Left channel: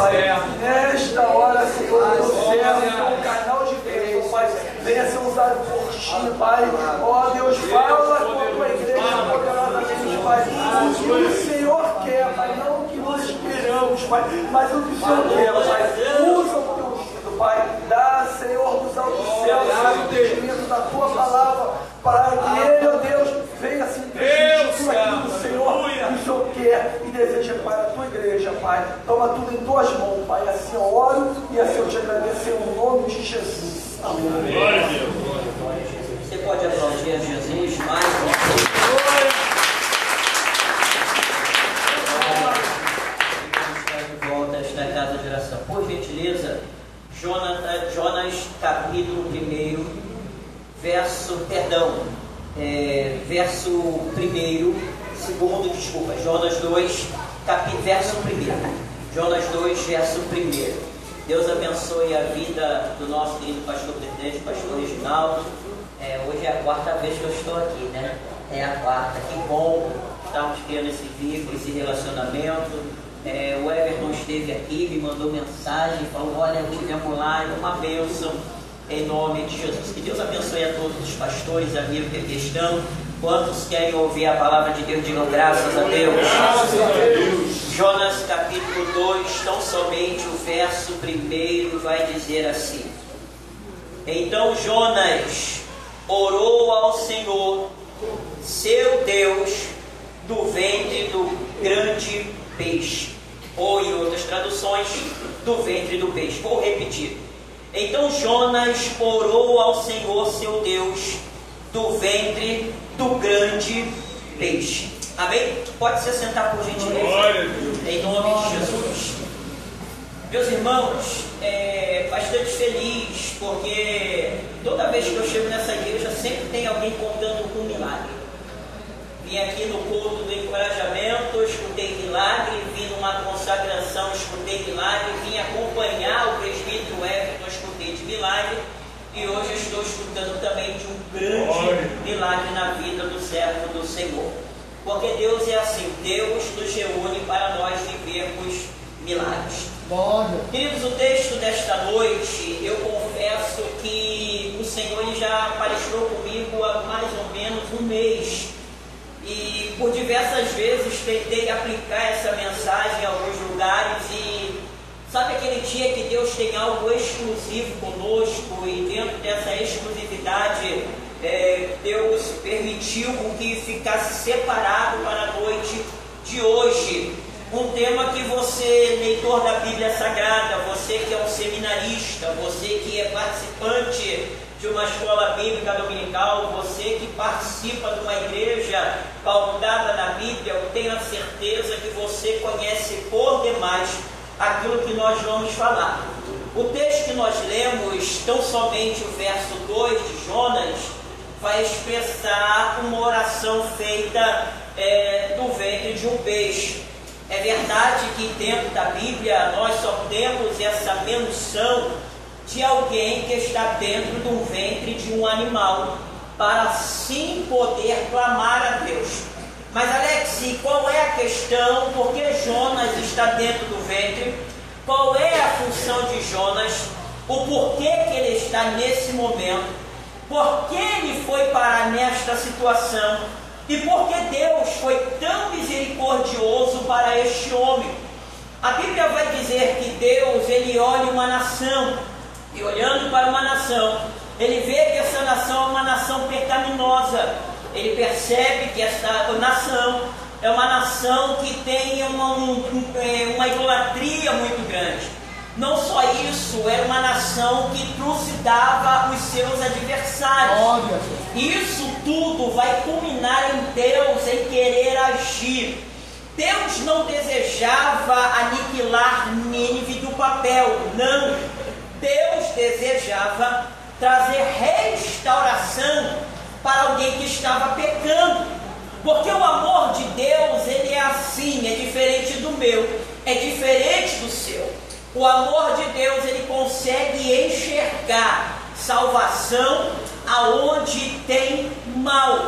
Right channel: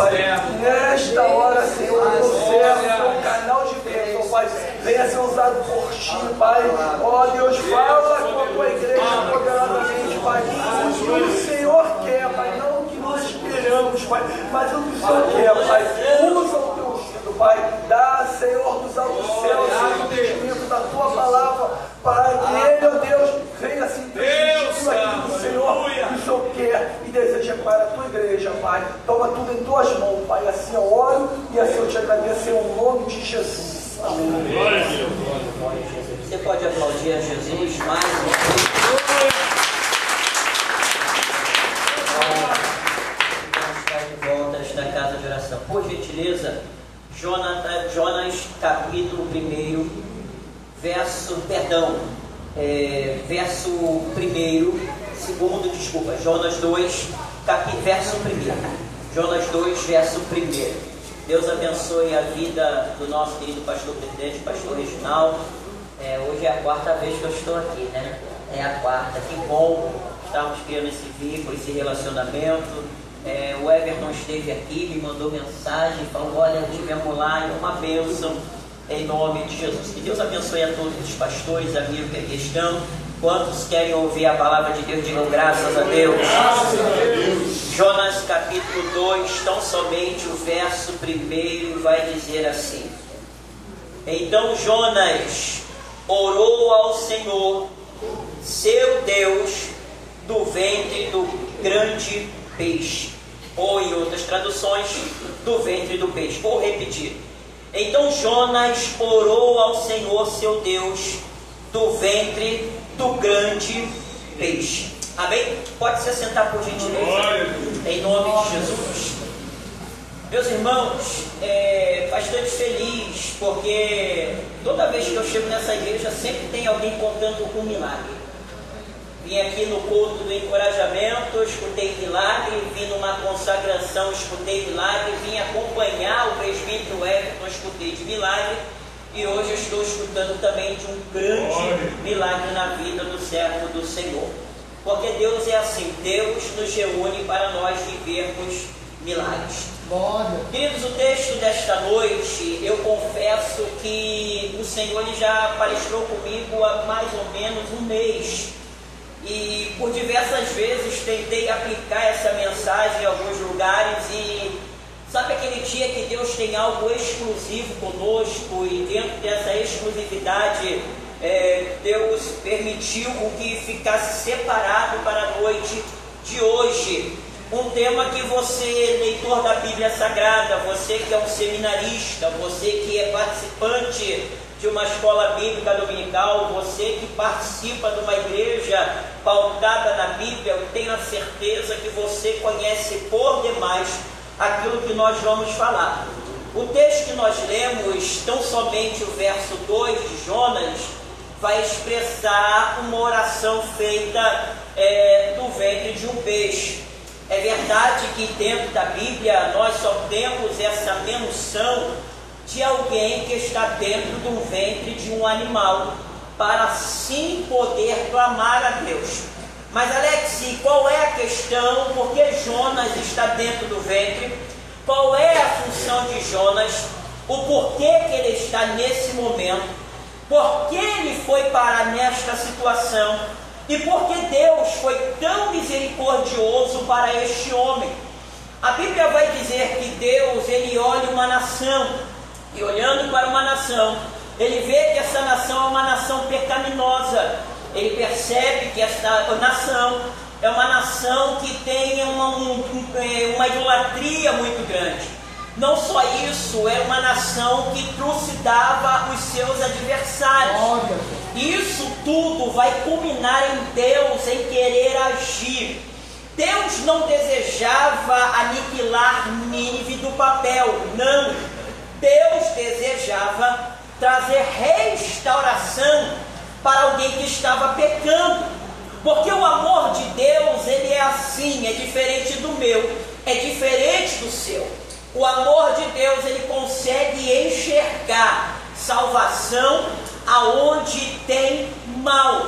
Pai. Nesta hora, Senhor, eu servo um canal de bênção, Pai. Venha ser usado por Ti, Pai. Ó Deus, fala com a Tua igreja poderosamente, Pai. O que o Senhor quer, Pai. Não o que nós esperamos, Pai. Mas o que o Senhor quer, Pai. Usa o Teu ungido, Pai. Dá, Senhor, dos altos céus, o entendimento da Tua palavra, para que Ele, ó Deus, venha se entender tudo aquilo que o Senhor quer e deseja para a Tua igreja, Pai. Toma tudo em Tuas mãos, Pai. Assim eu oro e assim eu te agradeço em nome de Jesus. Amém. Você pode aplaudir a Jesus mais uma vez. Vamos estar de volta a esta casa de oração. Por gentileza, Jonas capítulo 1, verso 2, desculpa, Jonas 2, verso 1. Jonas 2, verso 1. Deus abençoe a vida do nosso querido pastor presidente, pastor Reginaldo. Hoje é a quarta vez que eu estou aqui, né? É a quarta, que bom estarmos criando esse vínculo, esse relacionamento. O Everton esteve aqui, me mandou mensagem, falou: olha, estivemos lá, é uma bênção, em nome de Jesus. Que Deus abençoe a todos os pastores, amigos que aqui estão. Quantos querem ouvir a palavra de Deus, digam graças a Deus. Graças a Deus. Jonas capítulo 2, tão somente o verso 1 vai dizer assim: então Jonas orou ao Senhor, seu Deus, do ventre do grande peixe. Ou em outras traduções, do ventre do peixe. Vou repetir. Então Jonas orou ao Senhor, seu Deus, do ventre do grande peixe. Amém? Pode se assentar por gentileza, em nome de Jesus. Meus irmãos, bastante feliz, porque toda vez que eu chego nessa igreja sempre tem alguém contando um milagre. Vim aqui no culto do encorajamento, escutei milagre. Vim numa consagração, escutei milagre. Vim acompanhar o presbítero Everton, escutei de milagre. E hoje eu estou escutando também de um grande milagre na vida do servo do Senhor. Porque Deus é assim, Deus nos reúne para nós vivermos milagres. Queridos, o texto desta noite, eu confesso que o Senhor já palestrou comigo há mais ou menos um mês. E por diversas vezes tentei aplicar essa mensagem em alguns lugares. E sabe aquele dia que Deus tem algo exclusivo conosco, e dentro dessa exclusividade Deus permitiu que ficasse separado para a noite de hoje um tema que você, leitor da Bíblia Sagrada, você que é um seminarista, você que é participante de uma escola bíblica dominical, você que participa de uma igreja pautada na Bíblia, eu tenho a certeza que você conhece por demais aquilo que nós vamos falar. O texto que nós lemos, tão somente o verso 2 de Jonas, vai expressar uma oração feita do ventre de um peixe. É verdade que dentro da Bíblia nós só temos essa menção de alguém que está dentro do ventre de um animal, para assim poder clamar a Deus. Mas Alex, qual é a questão? Por que Jonas está dentro do ventre? Qual é a função de Jonas? O porquê que ele está nesse momento? Por que ele foi parar nesta situação? E por que Deus foi tão misericordioso para este homem? A Bíblia vai dizer que Deus, ele olha uma nação, e olhando para uma nação, ele vê que essa nação é uma nação pecaminosa. Ele percebe que essa nação é uma nação que tem uma idolatria muito grande. Não só isso, é uma nação que trucidava os seus adversários. Isso tudo vai culminar em Deus em querer agir. Deus não desejava aniquilar Nínive do papel, não. Deus desejava trazer restauração para alguém que estava pecando. Porque o amor de Deus, ele é assim, é diferente do meu, é diferente do seu. O amor de Deus, ele consegue enxergar salvação aonde tem mal.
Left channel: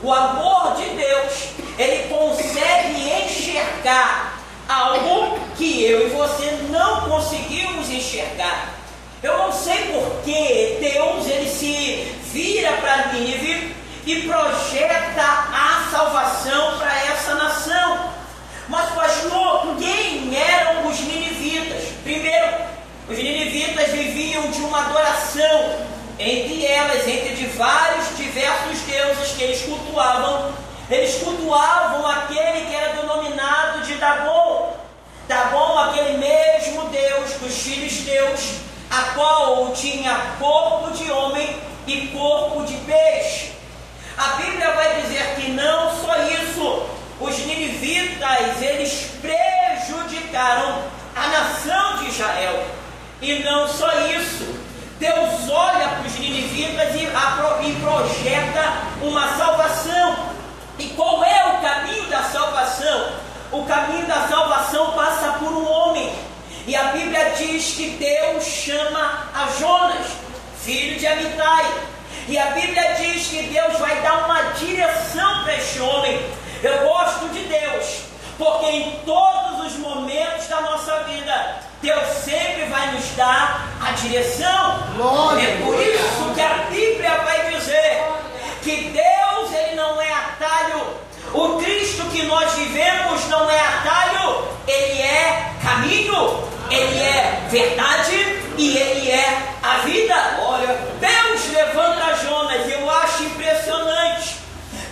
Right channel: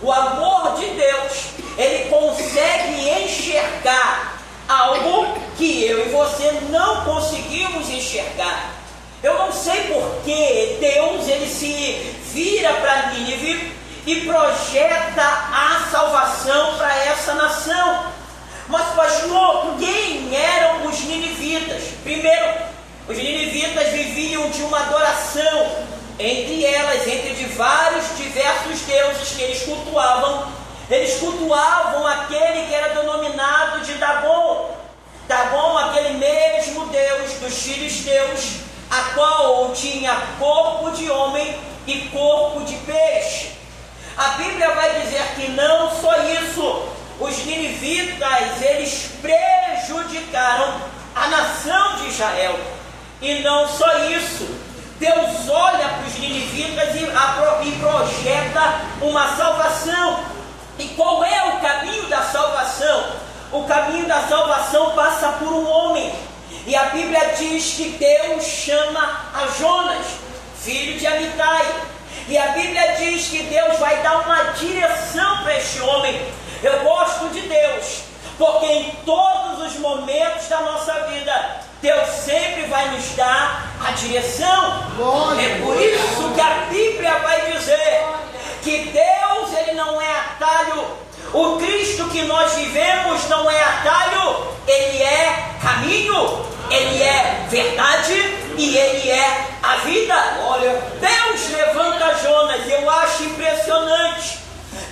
O amor de Deus, ele consegue enxergar algo que eu e você não conseguimos enxergar. Eu não sei por que Deus ele se vira para Nínive e projeta a salvação para essa nação. Mas, pastor, quem eram os ninivitas? Primeiro, os ninivitas viviam de uma adoração, entre vários diversos deuses que eles cultuavam. Eles cultuavam aquele que era denominado de Dagon. Dagon, aquele mesmo Deus dos filisteus, a qual tinha corpo de homem e corpo de peixe. A Bíblia vai dizer que não só isso, os ninivitas, eles prejudicaram a nação de Israel. E não só isso, Deus olha para os ninivitas e projeta uma salvação. E qual é o caminho da salvação? O caminho da salvação passa por um homem. E a Bíblia diz que Deus chama a Jonas, filho de Amitai. E a Bíblia diz que Deus vai dar uma direção para este homem. Eu gosto de Deus, porque em todos os momentos da nossa vida, Deus sempre vai nos dar a direção. É por isso que a Bíblia vai dizer que Deus ele não é atalho. O Cristo que nós vivemos não é atalho, ele é caminho, ele é verdade e ele é a vida. Olha, Deus levanta Jonas, eu acho impressionante.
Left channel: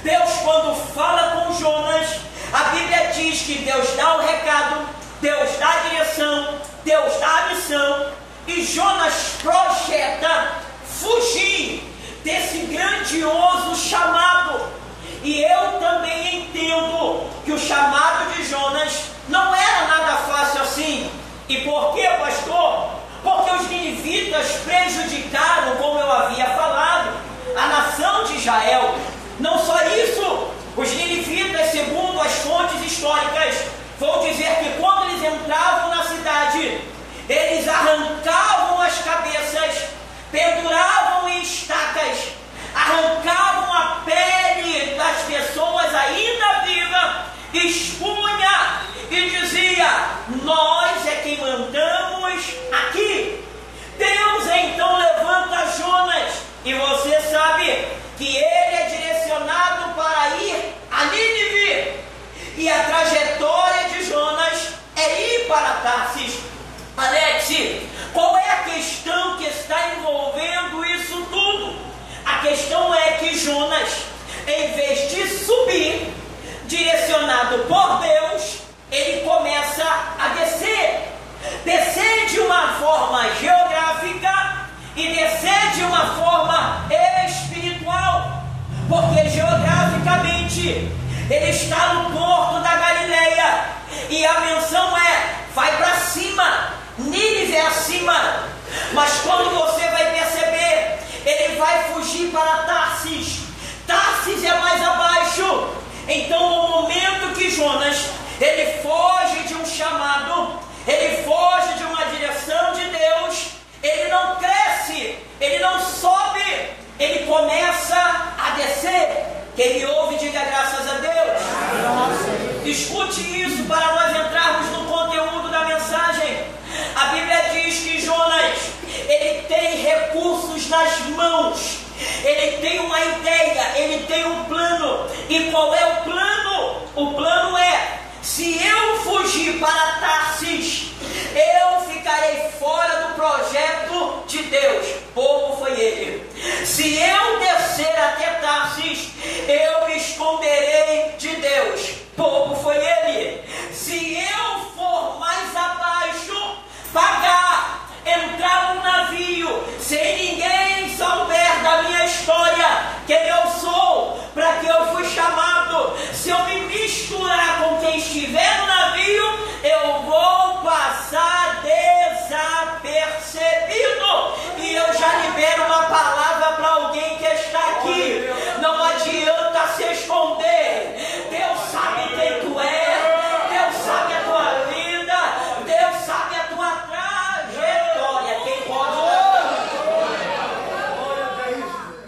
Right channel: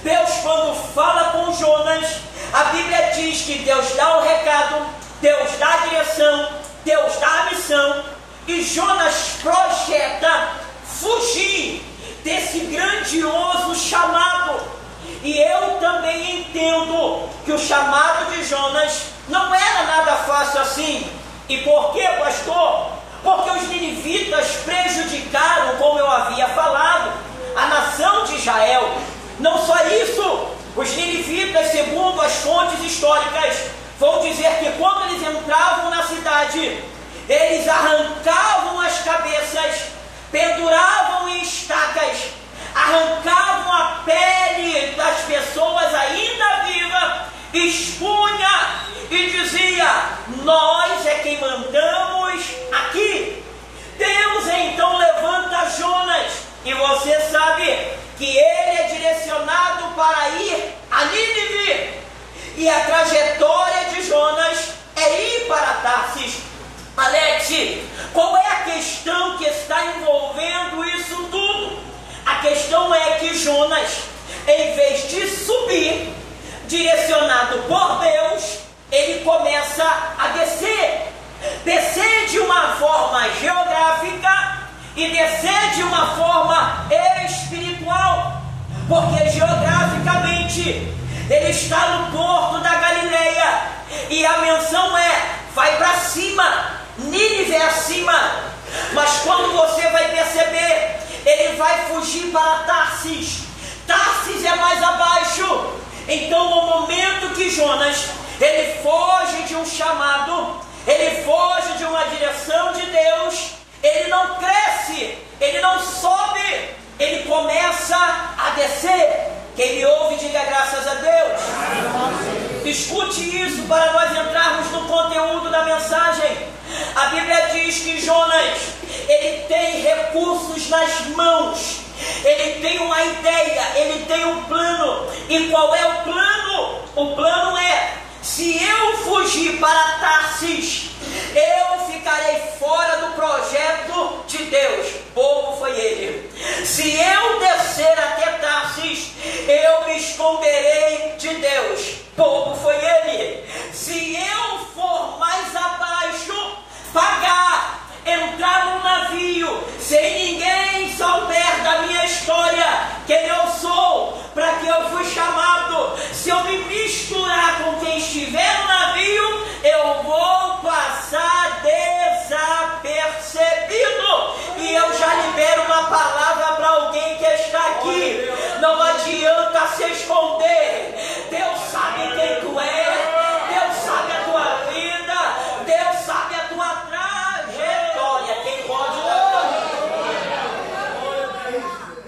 Deus, quando fala com Jonas, a Bíblia diz que Deus dá o recado, Deus dá a direção, Deus dá a missão, e Jonas projeta fugir desse grandioso chamado. E eu também entendo que o chamado de Jonas não era nada fácil assim. E por quê, pastor? Porque os ninivitas prejudicaram, como eu havia falado, a nação de Israel. Não só isso, os ninivitas, segundo as fontes históricas, vão dizer que quando eles entravam na cidade, eles arrancavam as cabeças, penduravam em estacas, arrancavam a pele das pessoas ainda vivas, expunha e dizia: nós é quem mandamos aqui. Deus então levanta Jonas, e você sabe que ele é direcionado para ir a Nínive, e a trajetória de Jonas é ir para Tarsis. Alex, qual é a questão que está envolvendo isso tudo? A questão é que Jonas, em vez de subir, direcionado por Deus, ele começa a descer de uma forma geográfica e descer de uma forma espiritual, porque geograficamente ele está no porto da Galileia, e a menção é: vai para cima, Nínive é acima. Mas quando você vai perceber, ele vai fugir para Tarsis. Tarsis é mais abaixo. Então, no momento que Jonas, ele foge de um chamado, ele foge de uma direção de Deus, ele não cresce, ele não sobe, ele começa a descer. Quem me ouve, diga graças a Deus. Escute isso para nós entrarmos no conteúdo da mensagem. A Bíblia diz que Jonas, ele tem recursos nas mãos, ele tem uma ideia, ele tem um plano. E qual é o plano? O plano é: se eu fugir para Tarsis, eu ficarei fora do projeto de Deus. Povo foi ele. Se eu descer até Tarsis, eu me esconderei de Deus. Povo foi ele. Se eu for mais abaixo, pagar, entrar num navio, sem ninguém souber da minha história, quem eu sou, para que eu fui chamado, se eu me misturar com quem estiver no navio, eu vou passar desapercebido. E eu já libero uma palavra para alguém que está aqui: não adianta se esconder. Deus sabe quem tu é, Deus sabe a tua vida, Deus sabe a tua trajetória. Quem pode dar?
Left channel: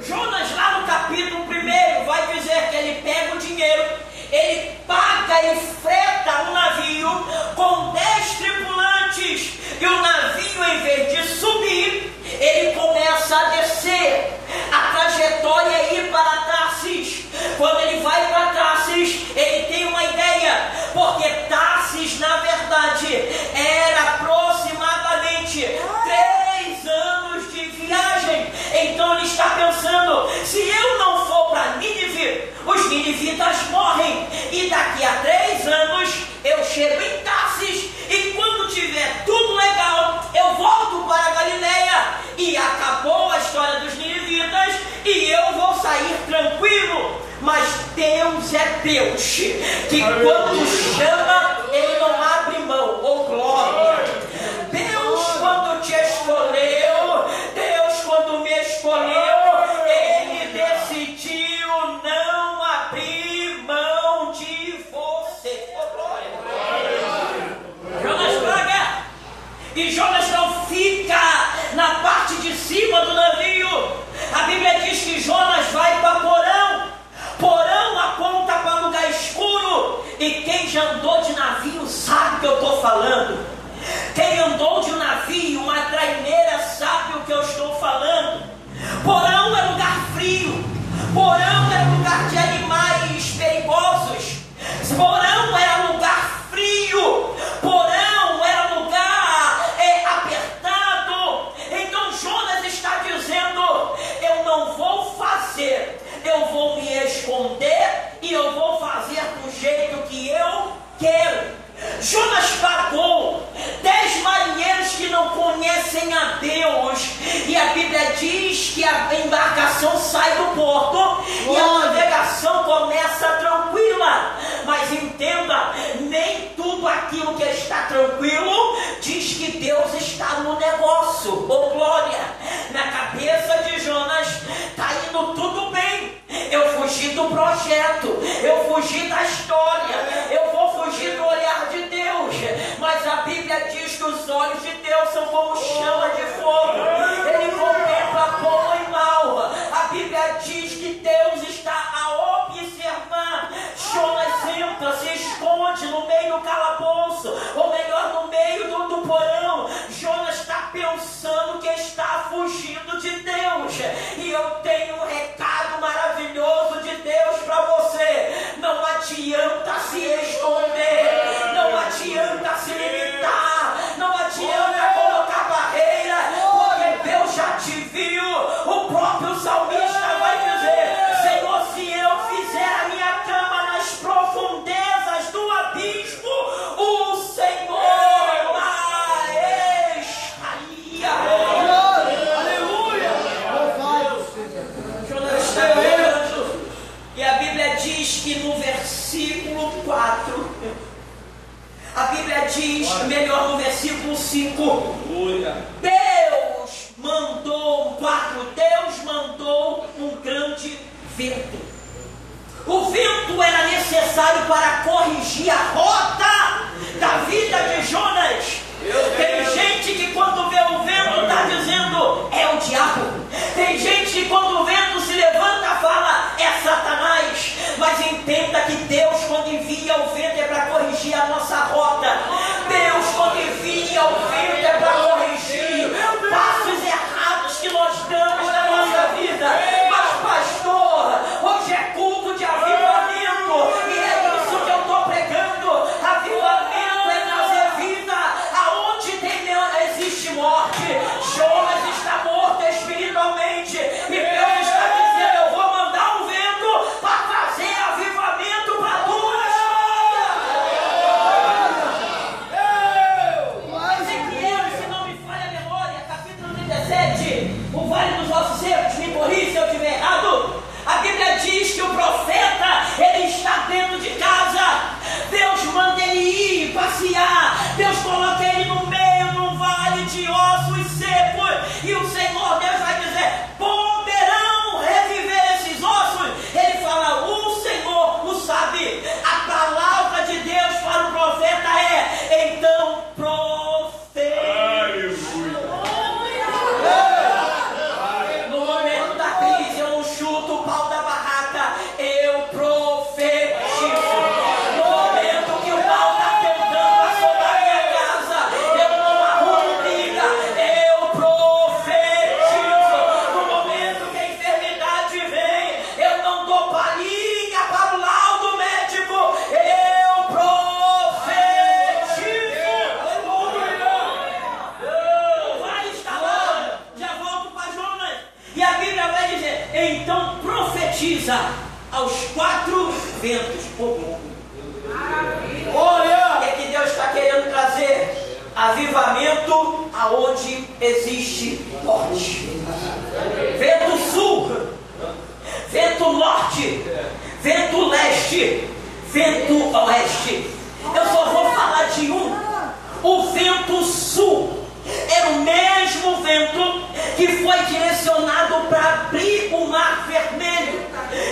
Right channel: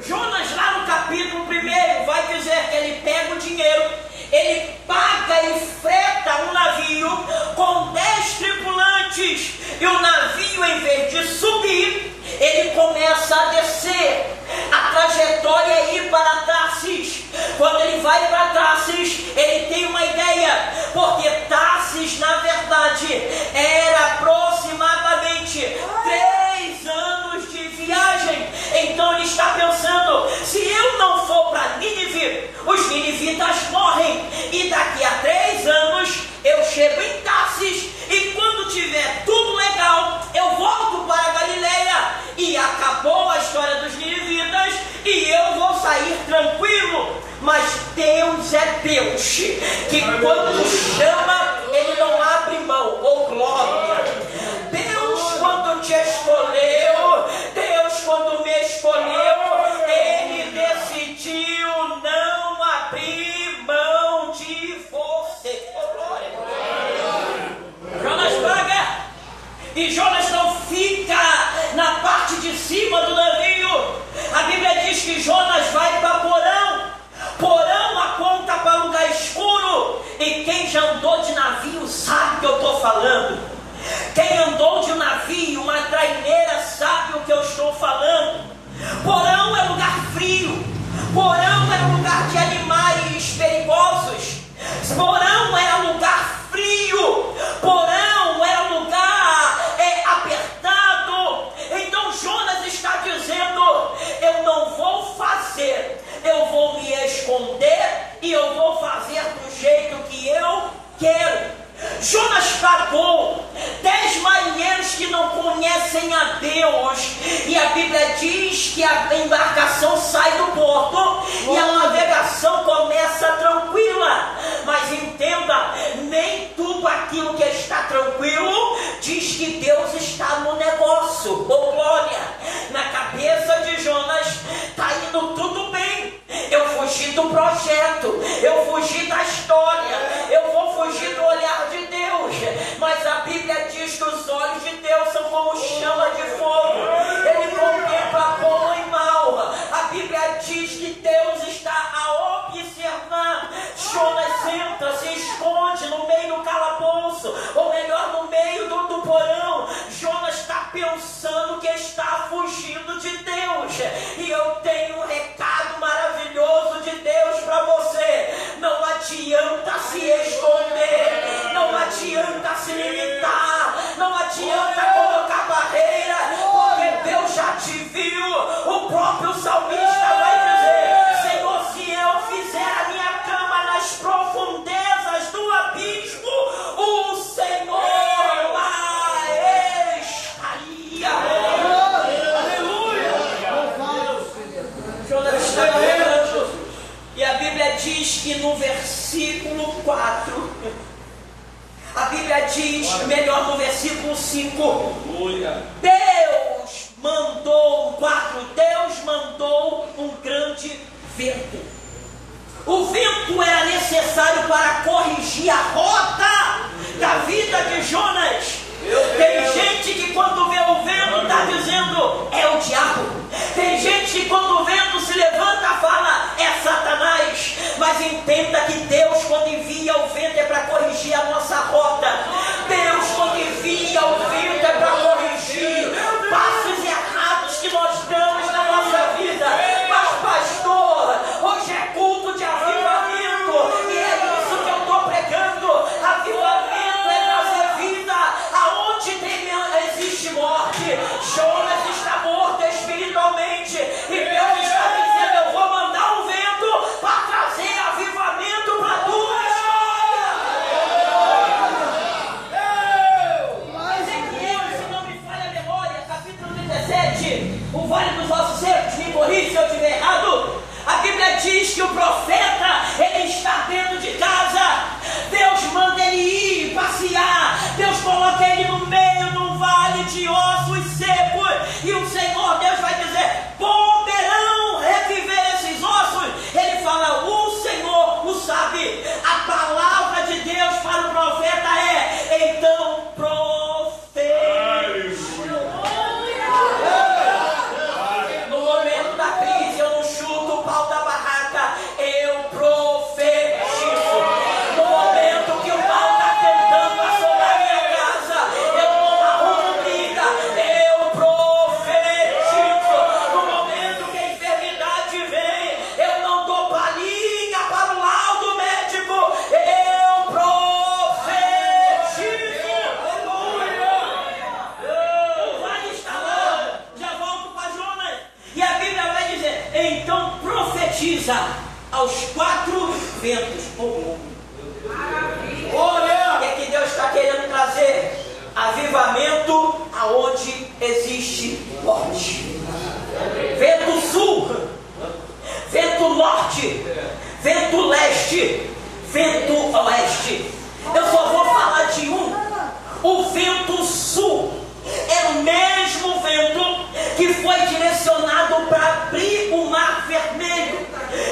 Jonas, lá no capítulo 1, vai dizer que ele pega o dinheiro, ele paga e freta um navio com 10 tributos E o navio, em vez de subir, ele começa a descer. A trajetória é ir para Tarsis. Quando ele vai para Tarsis, ele tem uma ideia, porque Tarsis, na verdade, era aproximadamente 3 anos de viagem. Então ele está pensando: se eu não for para Nínive, os ninivitas morrem, e daqui a 3 anos eu chego em Tarsis, e quando tiver tudo legal, eu volto para a Galileia, e acabou a história dos ninivitas, e eu vou sair tranquilo. Mas Deus é Deus, que quando chama, Ele não abre mão. Oh, glória! Deus, quando te escolheu, Deus, quando me escolheu, Ele decidiu não abrir mão de você. Oh, glória! Jonas paga, e Jonas não fica na parte de cima do navio. A Bíblia diz que Jonas vai para Porão. Porão aponta para lugar escuro. E quem já andou de navio sabe o que eu estou falando. Quem andou de navio, uma traineira, sabe o que eu estou falando. Porão é lugar frio. Porão é lugar de animais perigosos. Porão era lugar frio. Porão era lugar apertado. Então Jonas está dizendo: eu não vou fazer, eu vou me esconder e eu vou fazer do jeito que eu quero. Jonas pagou 10 marinheiros que não conhecem a Deus, e a Bíblia diz que a embarcação sai do porto e a navegação começa tranquila. Mas entenda, nem tudo aquilo que está tranquilo diz que Deus está no negócio. Oh, glória! Na cabeça de Jonas está indo tudo bem. Eu fugi do projeto, eu fugi da história, eu vou fugir do olhar de Deus. Mas a Bíblia diz que os olhos de Deus são como chama de fogo. Ele contempla bom e mal. A Bíblia diz que Deus está a observar. Jonas entra, se esconde no meio do calabouço, ou melhor, no meio do porão. Jonas está pensando que está fugindo de Deus. E eu tenho um recado maravilhoso de Deus para você: não adianta se esconder, não adianta se limitar, não adianta colocar barreira, porque Deus já te viu. O próprio salmista vai dizer: Senhor, se eu fizer a minha cama nas profundezas do abismo, o Senhor lá estaria. Aleluia! Jonas está orando, e a Bíblia diz que no versículo 4, a Bíblia diz, melhor, no versículo 5, Deus mandou um grande vento. O vento era necessário para corrigir a rota da vida de Jonas. Tem gente que quando vê o vento está dizendo: é o diabo. Tem gente que quando o vento se levanta fala: é Satanás. Mas entenda que Deus, quando envia o vento, é para corrigir a nossa rota. Deus, quando envia o vento, é para corrigir passos errados que nós damos na nossa vida. Mas pastor, hoje é culto de avivamento, e é isso que eu estou pregando. Avivamento é trazer vida aonde existe morte. Jonas está morto espiritualmente, e Deus está dizendo: eu vou mandar um vento para trazer avivamento para tu. profetiza aos 4 ventos. Olha! O que Deus está querendo trazer? Avivamento aonde existe morte. Vento sul, vento norte, vento leste, vento oeste. Eu só vou falar de um. O vento sul era o mesmo vento que foi direcionado para abrir o Mar Vermelho.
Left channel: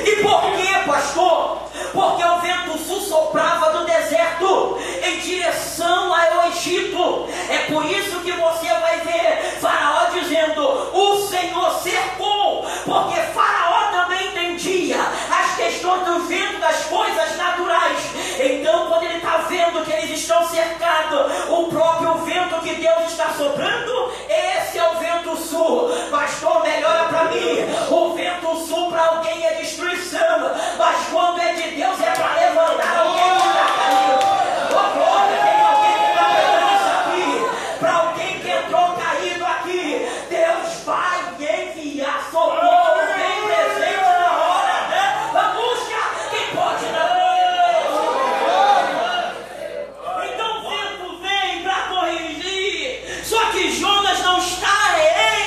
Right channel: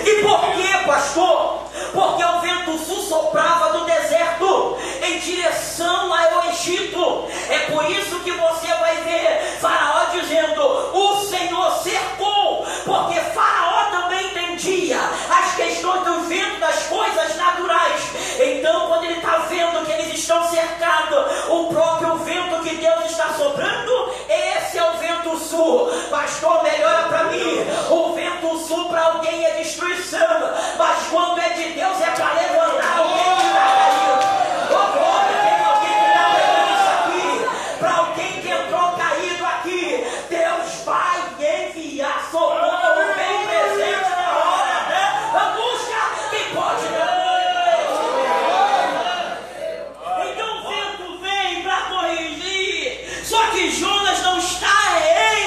E por quê, pastor? Porque o vento sul soprava do deserto em direção ao Egito. É por isso que você vai ver Faraó dizendo: o Senhor cercou, porque Faraó também entendia as questões do vento, das coisas naturais. Então, quando ele está vendo que eles estão cercados, o próprio vento que Deus está soprando, esse é o vento sul. Pastor, melhora para mim. O vento sul para alguém é destruição, mas quando é de Deus é para levantar alguém que está caído. Oh, glória, tem alguém que está pegando isso aqui. Para alguém que entrou caído aqui, Deus vai enviar socorro bem presente na hora, né? Busca quem pode dar. Então o vento vem para corrigir. Só que Jonas não está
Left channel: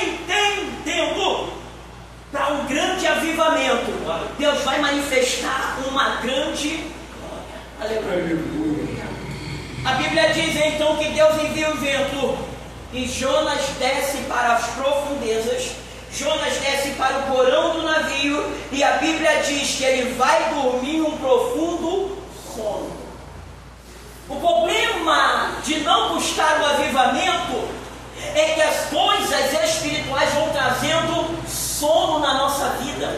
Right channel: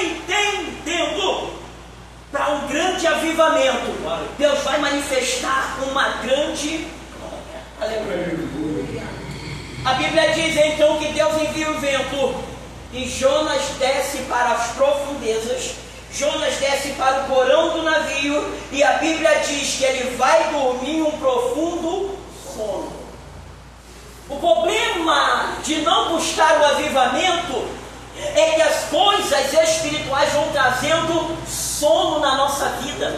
entendendo. Para um grande avivamento, Deus vai manifestar uma grande... Aleluia. A Bíblia diz então que Deus envia o vento e Jonas desce para as profundezas. Jonas desce para o porão do navio e a Bíblia diz que ele vai dormir um profundo sono. O problema de não buscar o avivamento é que as coisas espirituais vão trazendo sono na nossa vida.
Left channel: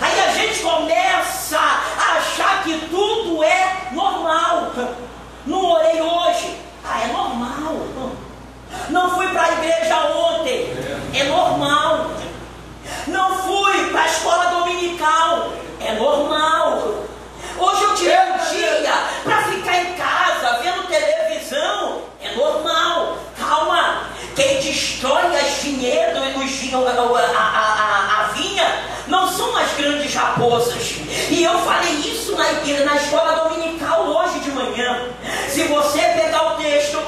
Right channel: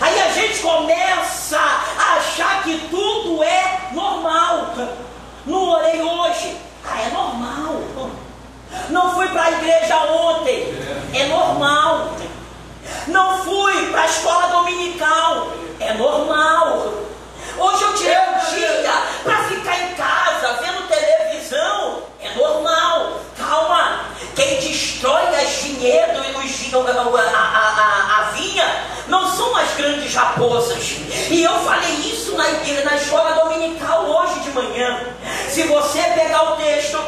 Aí a gente começa a achar que tudo é normal. Não orei hoje, é normal. Não fui para a igreja ontem, é normal. Não fui para a escola dominical, é normal. Hoje eu tirei um dia para ficar em casa vendo televisão, é normal. Calma, quem destrói as vinhedos, a vinha, não são as grandes raposas. E eu falei isso na escola dominical hoje de manhã. Se você pegar o texto,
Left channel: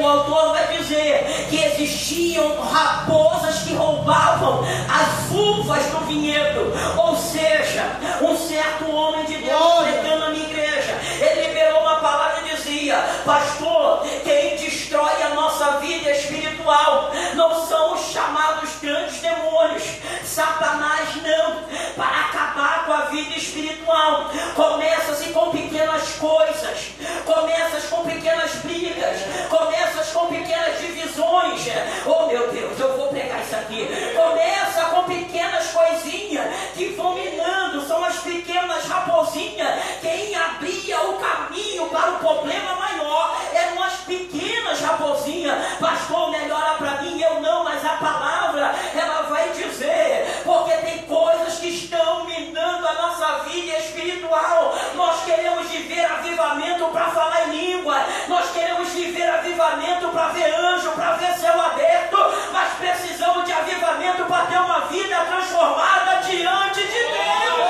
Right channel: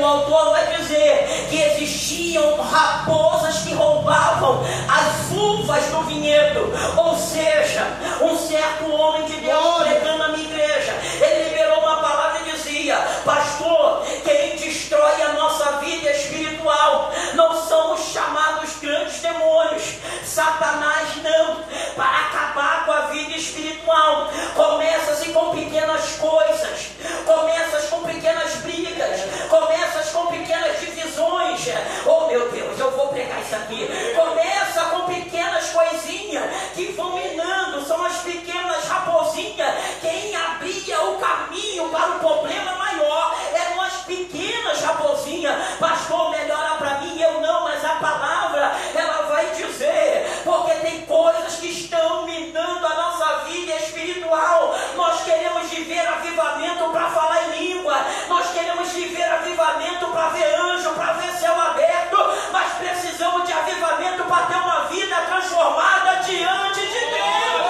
o autor vai dizer que existiam raposas que roubavam as uvas do vinhedo. Ou seja, um certo homem de Deus pregando na minha igreja, ele liberou uma palavra e dizia: pastor, quem destrói a nossa vida espiritual não são os chamados grandes demônios, Satanás não. Para acabar com a vida espiritual, começa-se com pequenas coisas, começa com pequenas brigas, começa com pequenas divisões. Oh meu Deus, eu vou pregar isso aqui. Começa com pequenas coisinhas que vão minando, são as pequenas raposinhas. Quem abria o caminho para o problema maior eram as pequenas raposinhas. Pastor, melhora para mim, eu não, mas a palavra ela vai dizer, porque tem coisas que estão minando a nossa vida espiritual. Nós queremos viver avivamento para falar em língua, nós queremos viver avivamento para ver anjo, para ver céu aberto, mas precisamos de avivamento para ter uma vida transformada diante de Deus.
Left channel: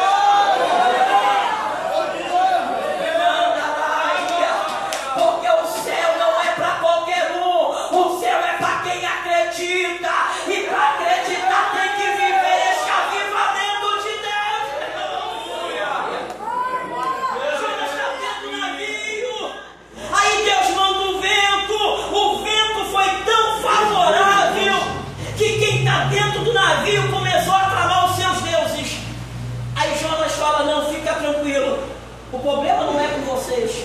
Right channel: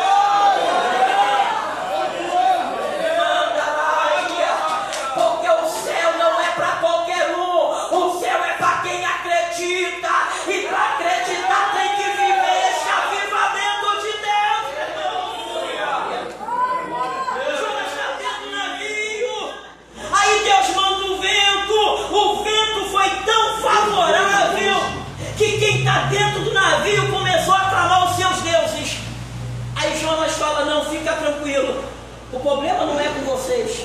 Porque o céu não é para qualquer um, o céu é para quem acredita, e para acreditar tem que viver esse avivamento de Deus. Jonas está dentro do navio, aí Deus manda o vento foi tão favorável que quem está dentro do navio começou a clamar os seus deuses. Aí Jonas fala: não, fica tranquilo, o problema não é com vocês.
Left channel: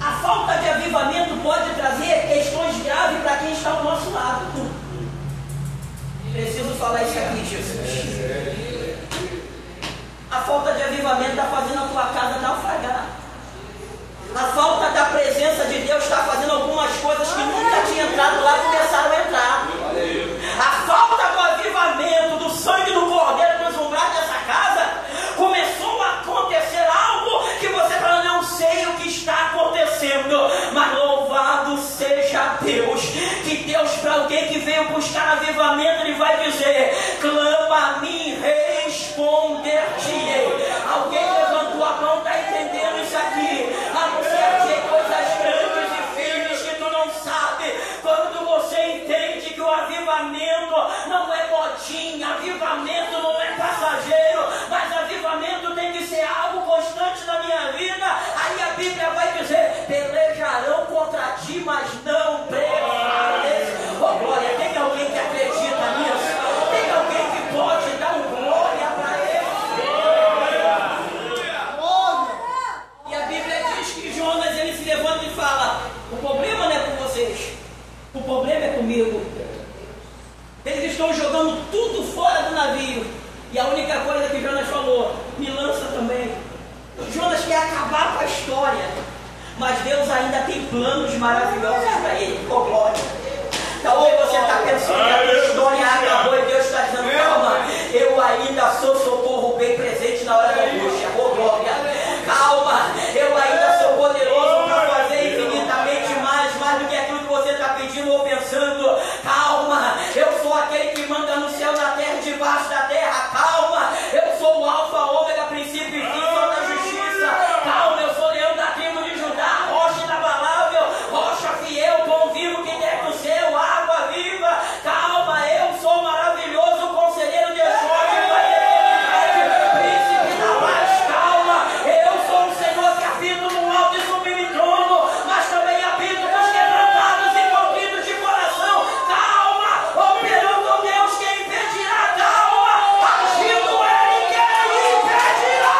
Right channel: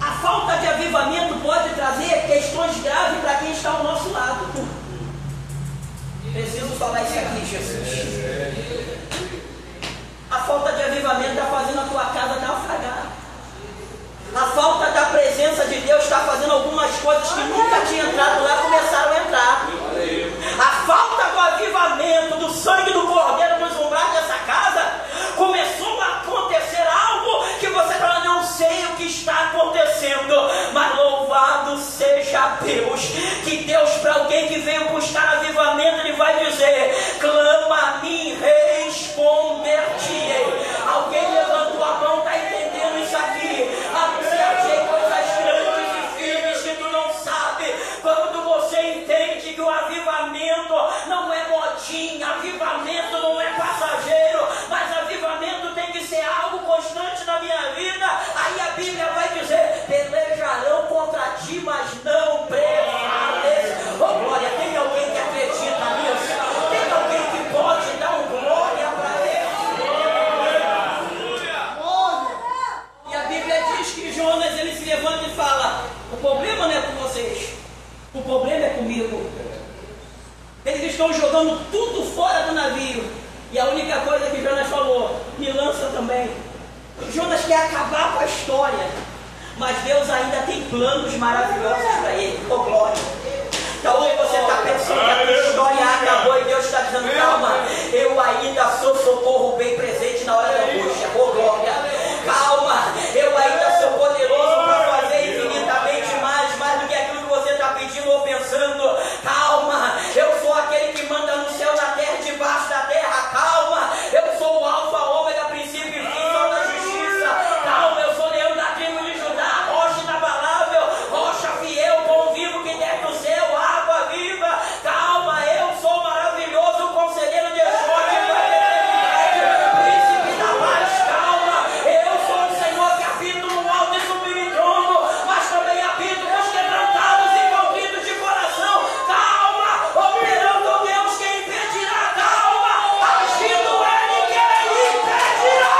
A falta de avivamento pode trazer questões graves para quem está ao nosso lado. Preciso falar isso aqui, Jesus. A falta de avivamento está fazendo a tua casa naufragar. A falta da presença de Deus está fazendo algumas coisas que nunca tinham entrado lá, começaram a entrar. A falta do avivamento, do sangue do Cordeiro transformado nessa casa, começou a acontecer algo que você fala: não sei o que está acontecendo, mas louvado seja Deus, que Deus, para alguém que veio buscar avivamento, Ele vai dizer: clama a mim, responde. única coisa que Jonas falou: me lança também. Jonas quer acabar com a história, mas Deus ainda tem planos maravilhosos para ele. Oh, glória! Talvez você está pensando que a história acabou e Deus está dizendo: calma, eu ainda sou socorro bem presente na hora da angústia. Oh, glória! Calma, eu ainda sou poderoso para fazer infinitamente mais do que aquilo que você está pedindo ou pensando. Calma, eu sou aquele que manda no céu, na terra, debaixo da terra. Calma, eu sou o alfa, ômega, princípio e fim, sou da justiça. Calma, eu sou leão da tribo de Judá, rocha inabalável, rocha fiel, bom vivo que quer que o céu, água viva. Calma, eu sou maravilhoso, conselheiro de sorte, príncipe da paz. Calma, eu sou o Senhor que habito no alto e sublime trono, mas também habito nos quebrantados e contritos de coração. Calma, operando o Deus que impedirá. Calma, agindo Ele que impedirá.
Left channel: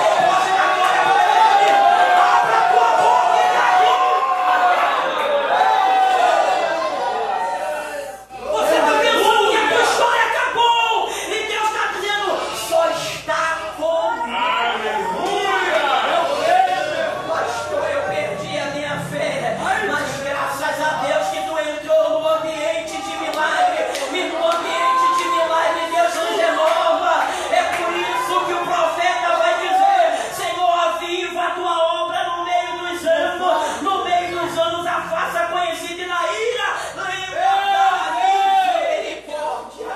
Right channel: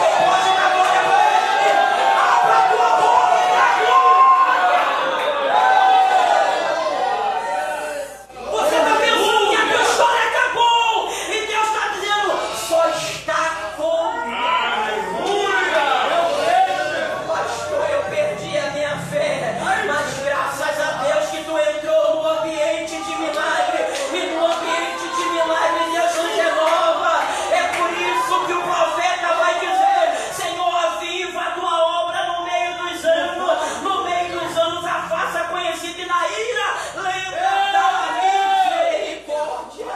Quem pode dar glória para Ele? Abra a tua boca e dá glória. Você está pensando que a tua história acabou e Deus está dizendo: só está comigo. Pastor, eu perdi a minha fé, mas graças a Deus que tu entrou no ambiente de milagre, e no ambiente de milagre Deus nos renova. É por isso que o profeta vai dizer: Senhor, aviva a tua obra no meio dos anos, a faça conhecida, e na ira lembra da misericórdia.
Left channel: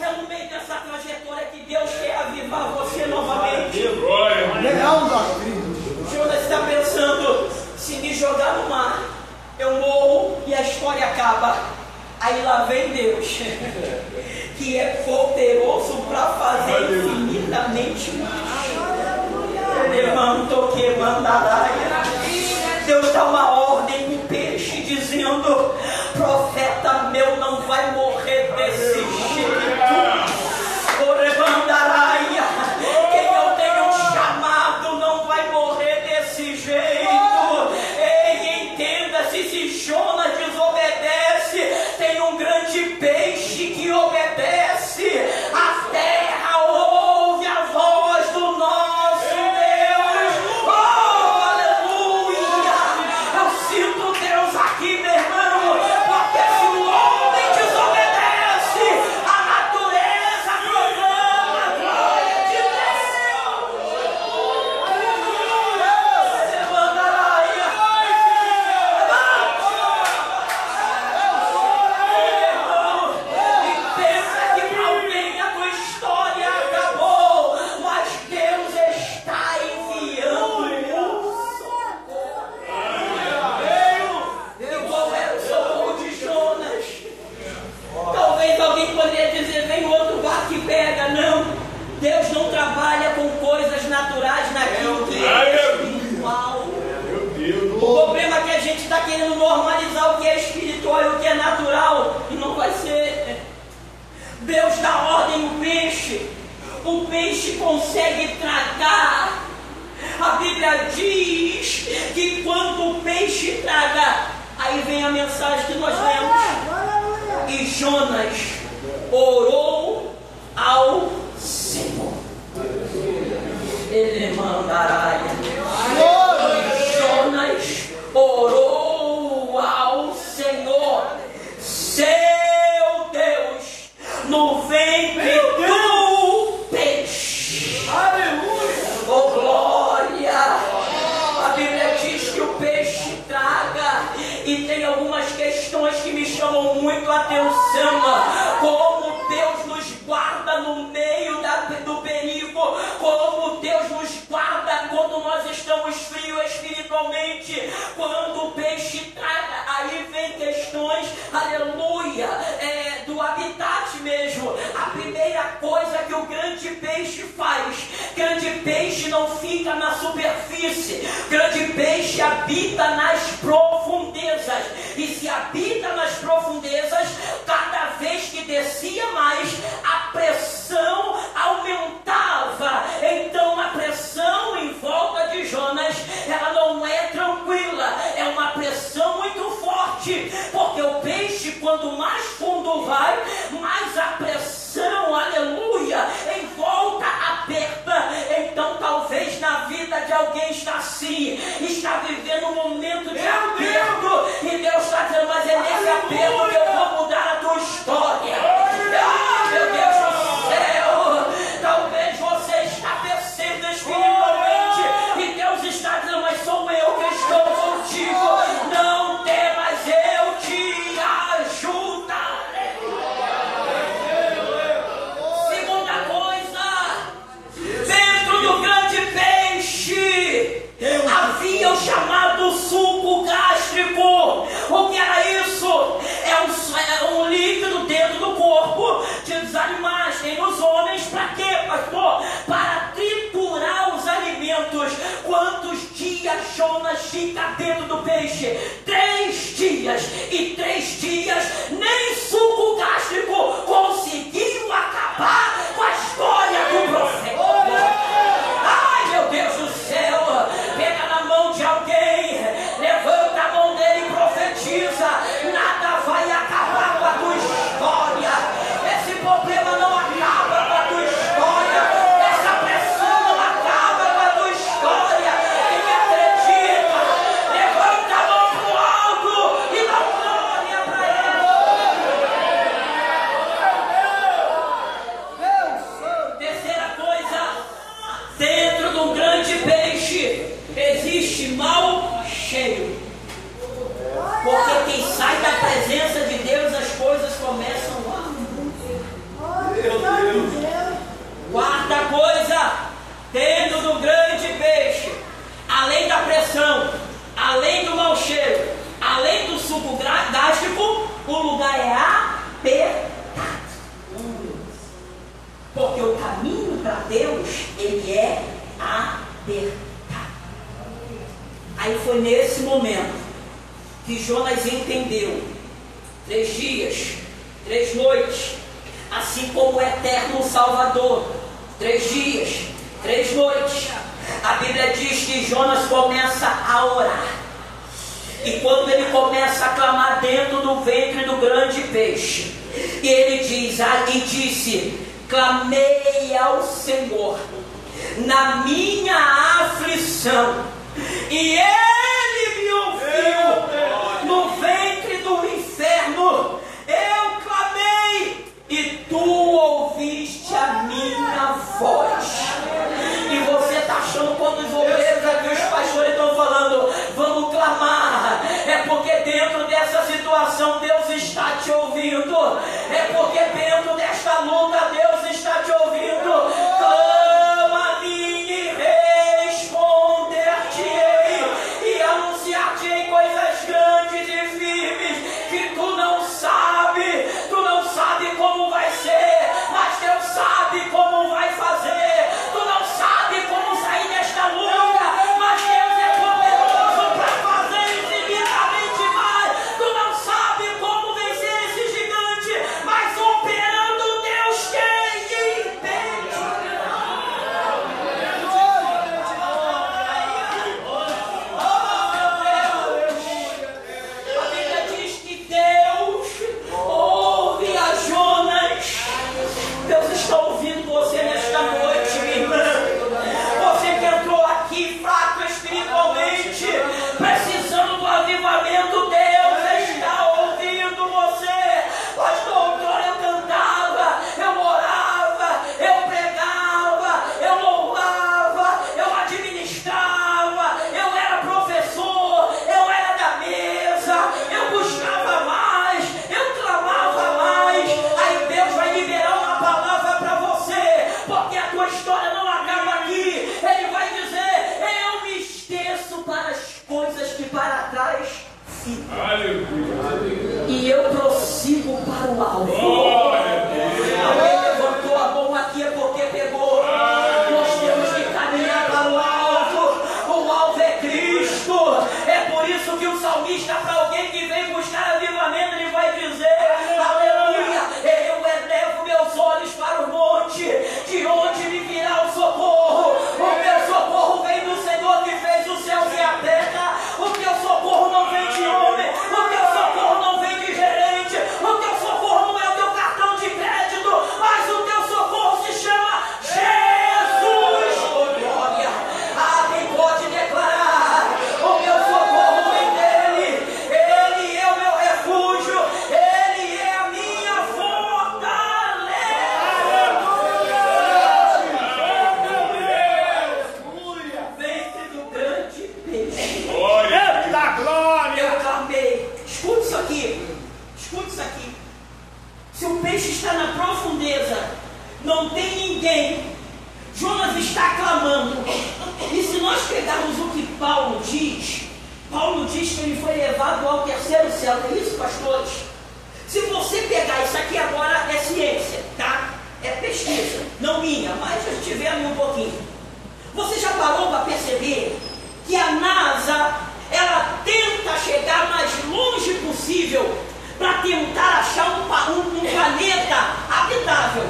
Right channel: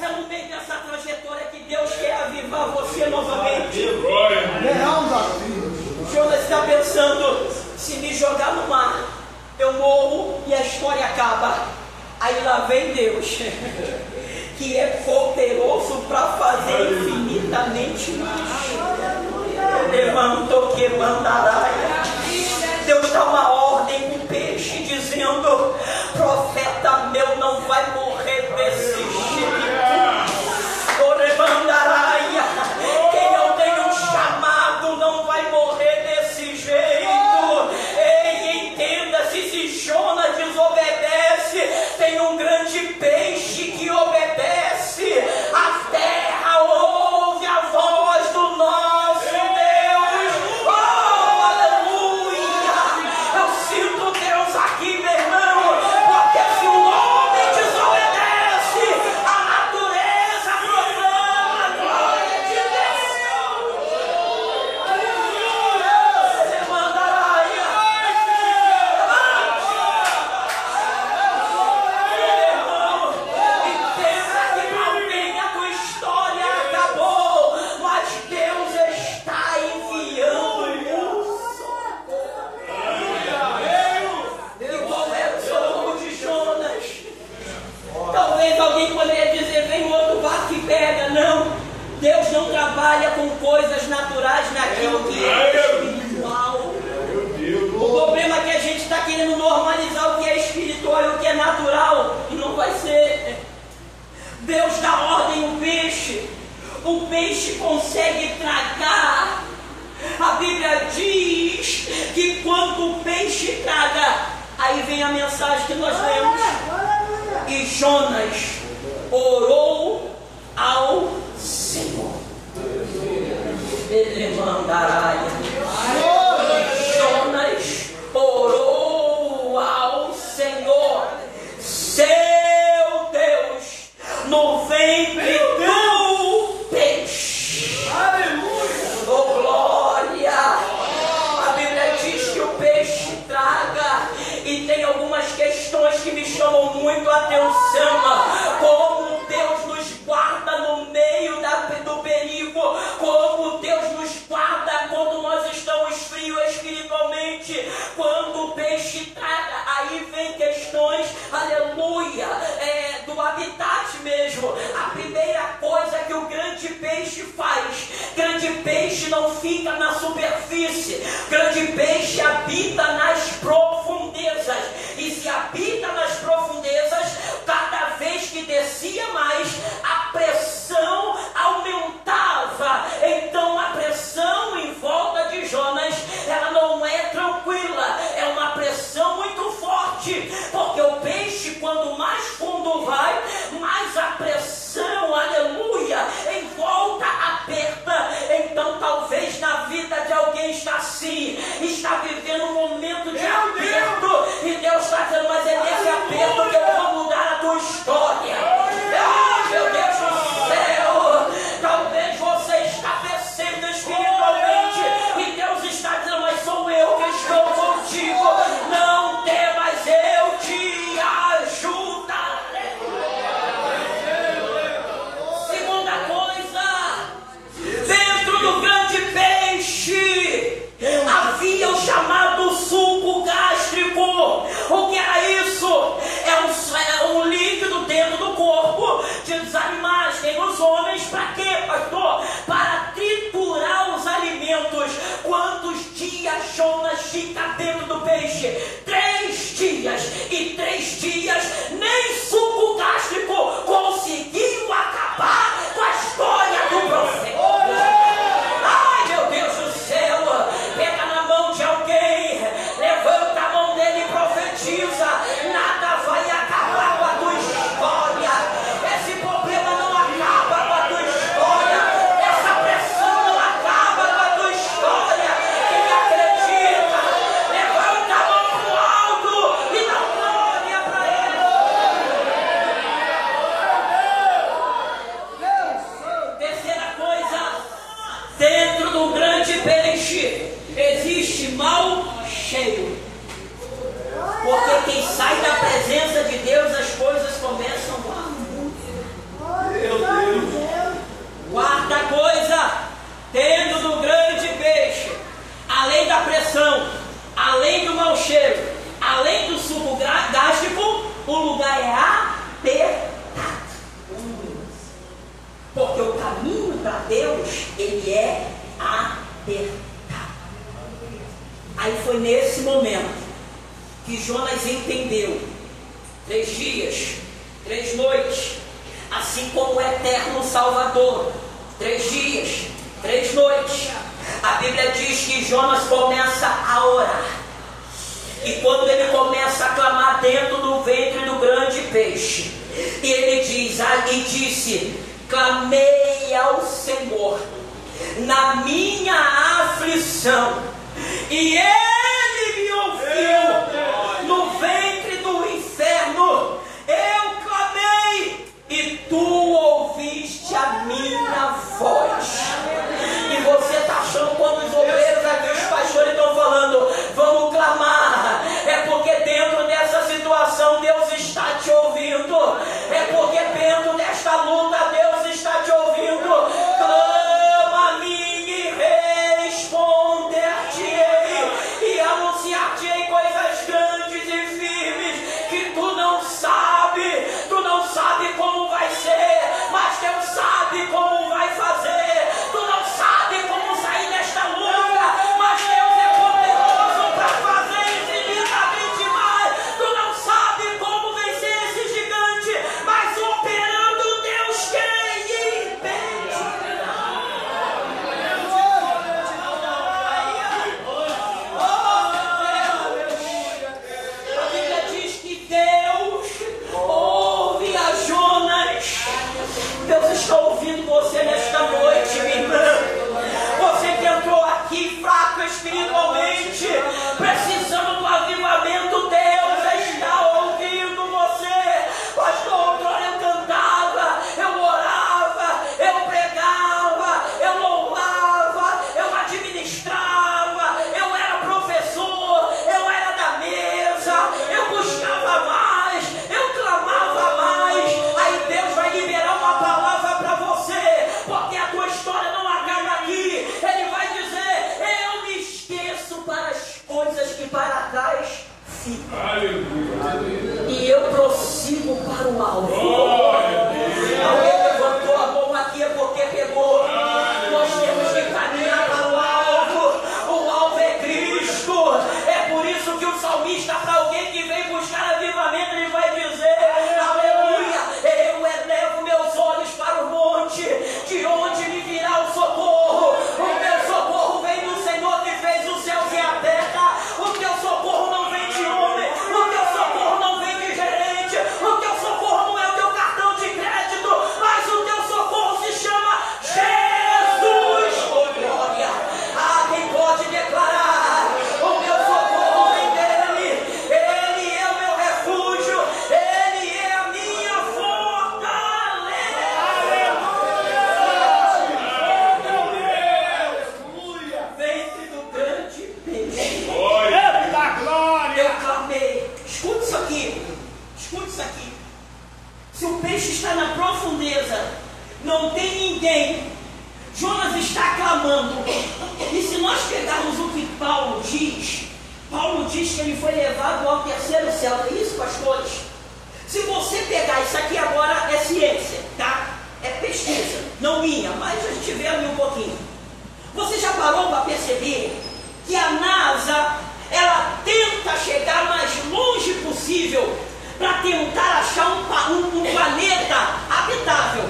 É no meio dessa trajetória que Deus quer avivar você novamente. Jonas está pensando: se me jogar no mar, eu morro e a história acaba. Aí lá vem Deus, que é poderoso para fazer infinitamente mais. Levantou que mandaraia. Deus dá uma ordem no peixe, dizendo: profeta meu não vai morrer desse jeito. Orebandaraia, quem eu tenho chamado não vai morrer desse jeito. Ei, entenda-se, se Jonas desobedece, tem um grande peixe que obedece. A terra ouve a voz do nosso Deus. Oh, aleluia! Eu sinto Deus aqui, meu irmão, porque se o homem desobedece, a natureza proclama a glória de Deus. Levanta a raia. Irmão, e pensa que talvez a tua história acabou, mas Deus está enviando e qual era o socorro de Jonas? Talvez alguém poderia dizer: vem no outro barco e pega. Não, Deus não trabalha com coisas naturais naquilo que é espiritual. O problema é que a gente está querendo normalizar o que é espiritual e o que é natural, e não vai ser. Deus dá ordem ao peixe, o peixe consegue tragar. A Bíblia diz que quando o peixe traga, aí vem a mensagem que nós lemos: e Jonas orou ao Senhor. Ele mandará. Jonas orou ao Senhor, seu Deus, no ventre do peixe. Aleluia! Oh, glória! A Bíblia diz que o peixe traga, e tem algumas questões que me chamam muito a atenção. Como Deus nos guarda no meio do perigo, como Deus nos guarda quando nós estamos frios espiritualmente, quando o peixe traga. Aí vem questões, aleluia, do habitat mesmo. A primeira coisa que o grande peixe faz: grande peixe não fica na superfície, grande peixe habita nas profundezas. E se habita nas profundezas, cada vez que descia mais, a pressão aumentava. Então a pressão em volta de Jonas, ela não é tranquila, é uma pressão muito forte, porque o peixe, quando mais fundo vai, mais a pressão para quê, pastor? Para triturar os alimentos. Quantos dias Jonas fica dentro do peixe? 3 dias. E 3 dias nem suco gástrico conseguiu acabar com a história do profeta. Ai, meu Deus do céu! Pega na mão de alguém, levanta a mão dele e profetiza. Nada vai acabar com a tua história. Esse problema não acaba com a tua história. Essa pressão não acaba com a tua história. Quem acredita, levanta a mão pro alto e dá glória para ele. Terceira coisa, dentro de um grande peixe existe mau cheiro. Porque quem sai da presença de Deus, as coisas começam a... Meu Deus! Quarta coisa, dentro do grande peixe, além da pressão, além do mau cheiro, além do suco gástrico, o lugar é apertado. Porque o caminho para Deus, ele é apertado. Aí foi nesse momento que Jonas entendeu. 3 dias, 3 noites, assim como o eterno Salvador. 3 dias, 3 noites. A Bíblia diz que Jonas começa a orar. E quando ele começa a clamar dentro do ventre do grande peixe, ele diz, e disse: clamei ao Senhor na minha aflição, e Ele me ouviu. No ventre do inferno eu clamei, e Tu ouviste a minha voz. E você está achando, quando os obreiros aqui, os pastores estão falando, vamos clamar, é porque dentro dessa situação Deus está te ouvindo. É porque dentro desta luta Deus está te ouvindo. Clama a mim e responder-te-ei, e anunciar-te-ei coisas grandes e firmes que tu não sabe como vai ser, mas Deus sabe como vai fazer. Tu não sabe como sair desta luta, mas Deus é poderoso para fazer infinitamente mais. Tu não sabe como vencer esse gigante, mas operando Deus tem impede. A Bíblia diz que Deus ouve a Jonas. Deus está ouvindo você nesta noite, minha irmã. Você que entrou aqui fraco espiritualmente, precisando do avivamento, Deus está ouvindo você. Pastor, quando eu cantava, eu orava, eu pregava, eu louvava, eu administrava, eu era professor, eu era da mesa, eu buscava mais, eu clamava mais. Aí Deus vai liberar uma palavra para você, porque a tua história não acaba aqui. Ele vai dizer: eu me esqueço para as coisas que para trás ficam, e eu prossigo para o alvo. Alguém levantou a mão aqui é porque pegou. Nós temos que caminhar para o alvo. O alvo é Cristo. É por isso que o salmista, para alguém que vem buscar avivamento, ele vai dizer: aleluia, eu elevo meus olhos para o monte, de onde me virá o socorro. O meu socorro vem do Senhor que fez os céus e a terra. O teu socorro não vem de homem, o teu socorro não vem de gerente, o teu socorro não é o teu cartão de crédito, mas o teu socorro se chama Jesus. Oh, glória! Quem pode declarar: o meu socorro vem dele, ele é o meu refúgio, ele é a minha fortaleza. Ventre do grande peixe. Eu clamei. Escute isso aqui. Escute isso aqui. Se o peixe está na profundeza, não tem ninguém, Jonas está clamando. E se nós pegarmos o que Paulo diz que ele foi levado ao 3º céu. É isso, pastores? Se você pegar isso aqui agora, é ciência, tá? é pesquisa, não minha, mas a gente vê ali um pouquinho. Você já parou para perceber que a NASA, ela tenta chegar mais longe possível para tentar achar um planeta habitável,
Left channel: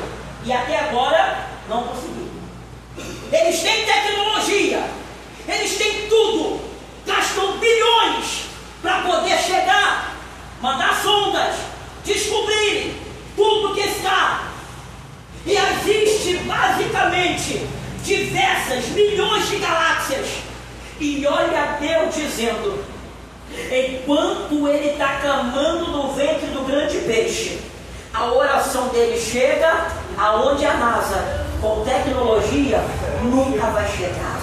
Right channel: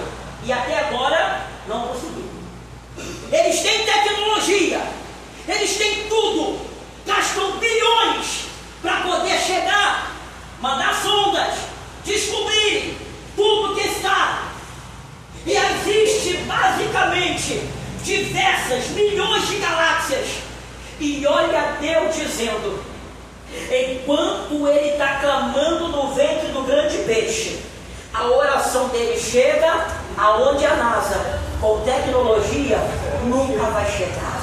e até agora não conseguiu. Eles têm tecnologia, eles têm tudo, gastam bilhões para poder chegar, mandar sondas, descobrir tudo que está. E existe basicamente diversas milhões de galáxias. E olha Deus dizendo, enquanto ele está clamando no ventre do grande peixe, a oração dele chega aonde a NASA, com tecnologia, nunca vai chegar.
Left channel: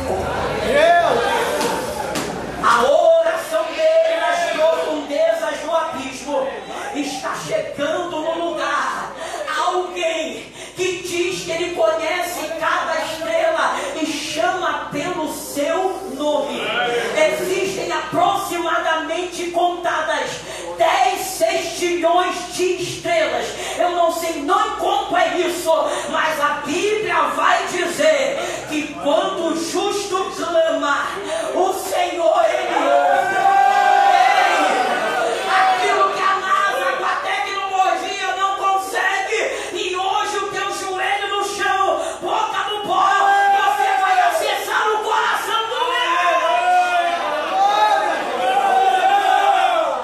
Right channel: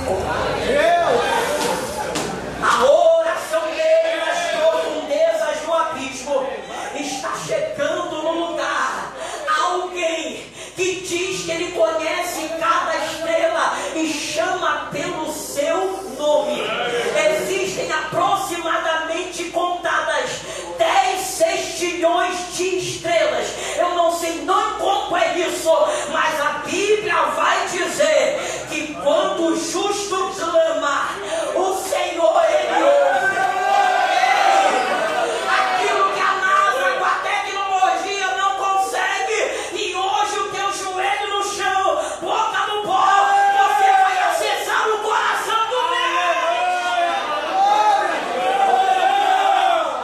A oração dele nas profundezas do abismo está chegando no lugar. Alguém que diz que ele conhece cada estrela e chama pelo seu nome. Existem aproximadamente contadas 10 sextilhões de estrelas. Eu não sei não quanto é isso, mas a Bíblia vai dizer que quando o justo clama, o Senhor ele ouve. Aquilo que a NASA com a tecnologia não consegue, e hoje o teu joelho no chão, boca no pó, você vai acessar o coração do Deus.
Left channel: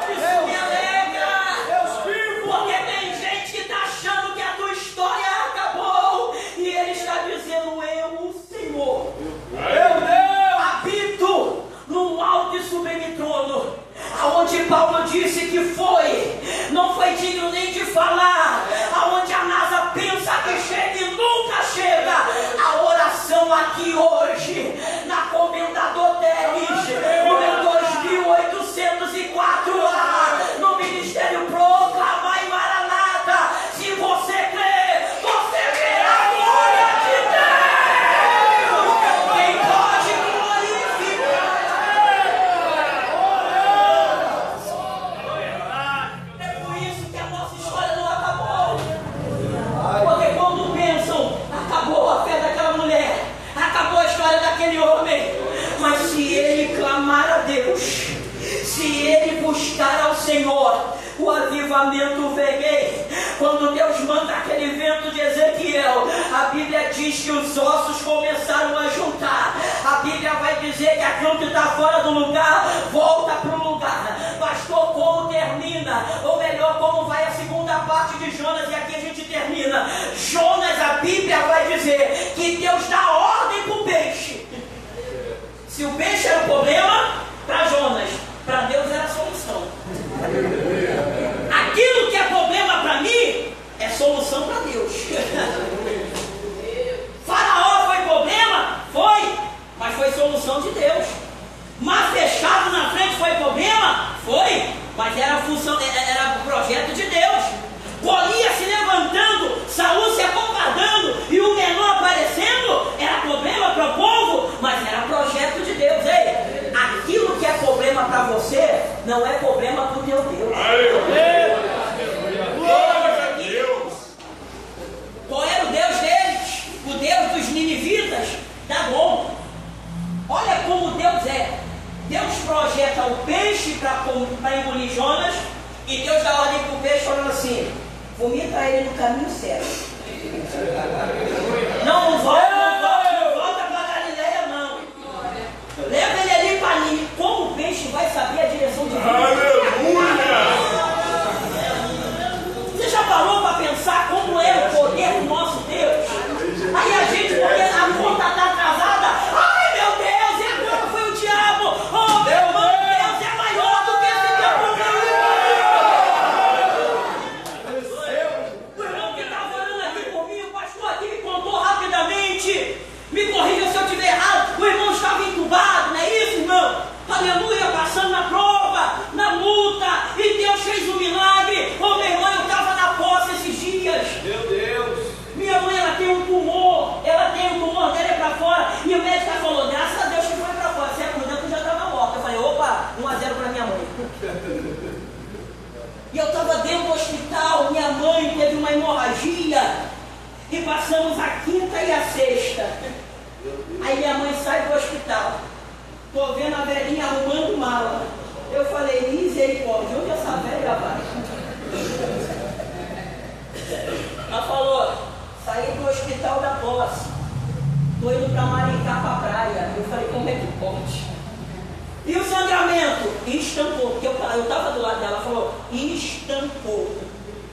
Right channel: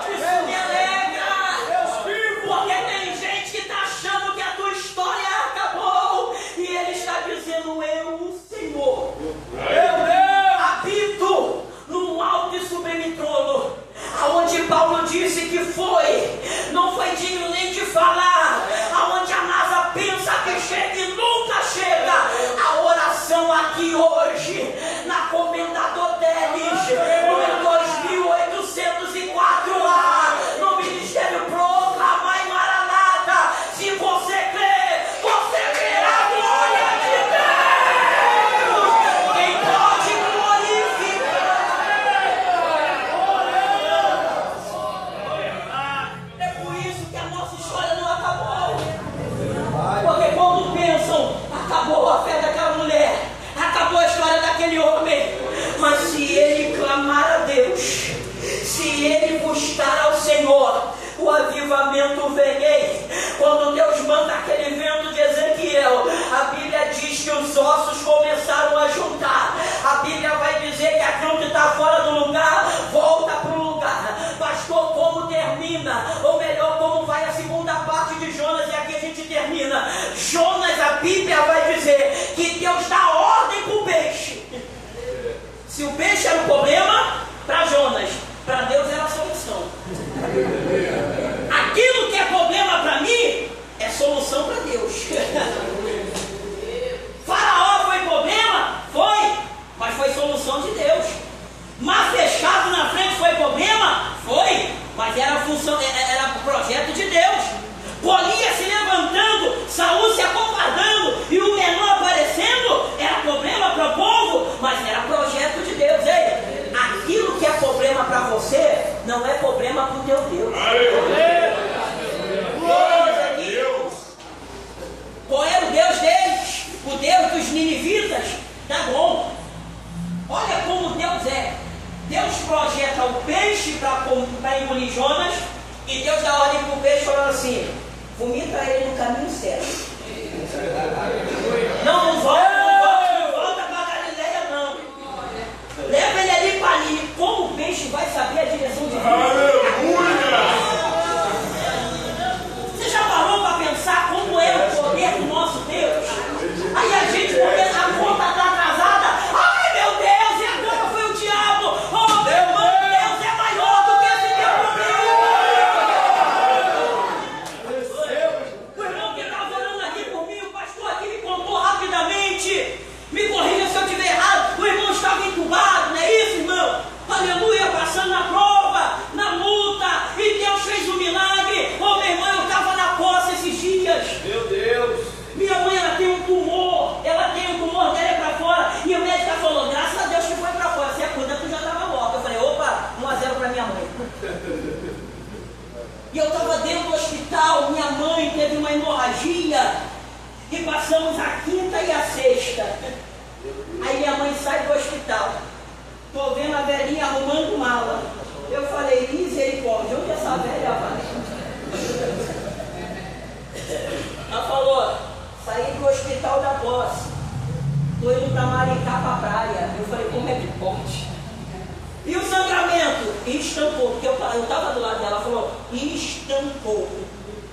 Isso me alegra, porque tem gente que está achando que a tua história acabou, e ele está dizendo, eu, o Senhor, habito no alto e sublime trono, aonde Paulo disse que não foi digno nem de falar, aonde a NASA pensa que chega e nunca chega. A oração aqui hoje, na Comendador Teles, número 2804A, no Ministério Proclama e Maranata. Se você crê, você verá a glória de Deus. Quem pode glorificar? É por isso que a nossa história não acabou. Porque quando pensam, acabou a fé daquela mulher, acabou a história daquele homem. Mas se ele clamar a Deus, se ele buscar ao Senhor, o avivamento vem. Quando Deus manda aquele vento de Ezequiel, a Bíblia diz que os ossos começaram a juntar. A Bíblia vai dizer que aquilo que está fora do lugar, volta para o lugar. Pastor, como termina? Ou melhor, como vai a segunda parte de Jonas? E aqui a gente termina. Jonas, a Bíblia vai dizer que Deus dá ordem para o peixe. Se o peixe era o problema, para Jonas, para Deus era a solução. Aquilo que é problema para mim, é solução para Deus. Faraó foi problema? Foi, mas foi solução de Deus. Mar fechado na frente foi problema? Foi, mas era função, era projeto de Deus. Golias se levantando, Saul se acovardando e o menor aparecendo, era problema para o povo, mas era projeto de Deus. Ei, aquilo que é problema para você, não é problema para o teu Deus. Qual era o Deus deles? O Deus dos ninivitas, Dagon. Olha como Deus é. Deus projeta o peixe para engolir Jonas, e Deus dá ordem para o peixe falando assim, vomita ele no caminho certo. Não volta para Galileia não. Leva ele ali para ali. Como o peixe vai saber a direção de Deus? Você já parou para pensar como é o poder do nosso Deus? Aí a gente, porque a conta está atrasada, ai meu Deus, e agora foi o diabo. Oh meu Deus, é maior do que esse teu problema. O irmão que estava orando de tal da posse. Estou indo para Maricá, para a praia. Eu falei, como é que pode? E o sangramento? Estampou. Porque eu estava do lado dela, ela falou, estampou.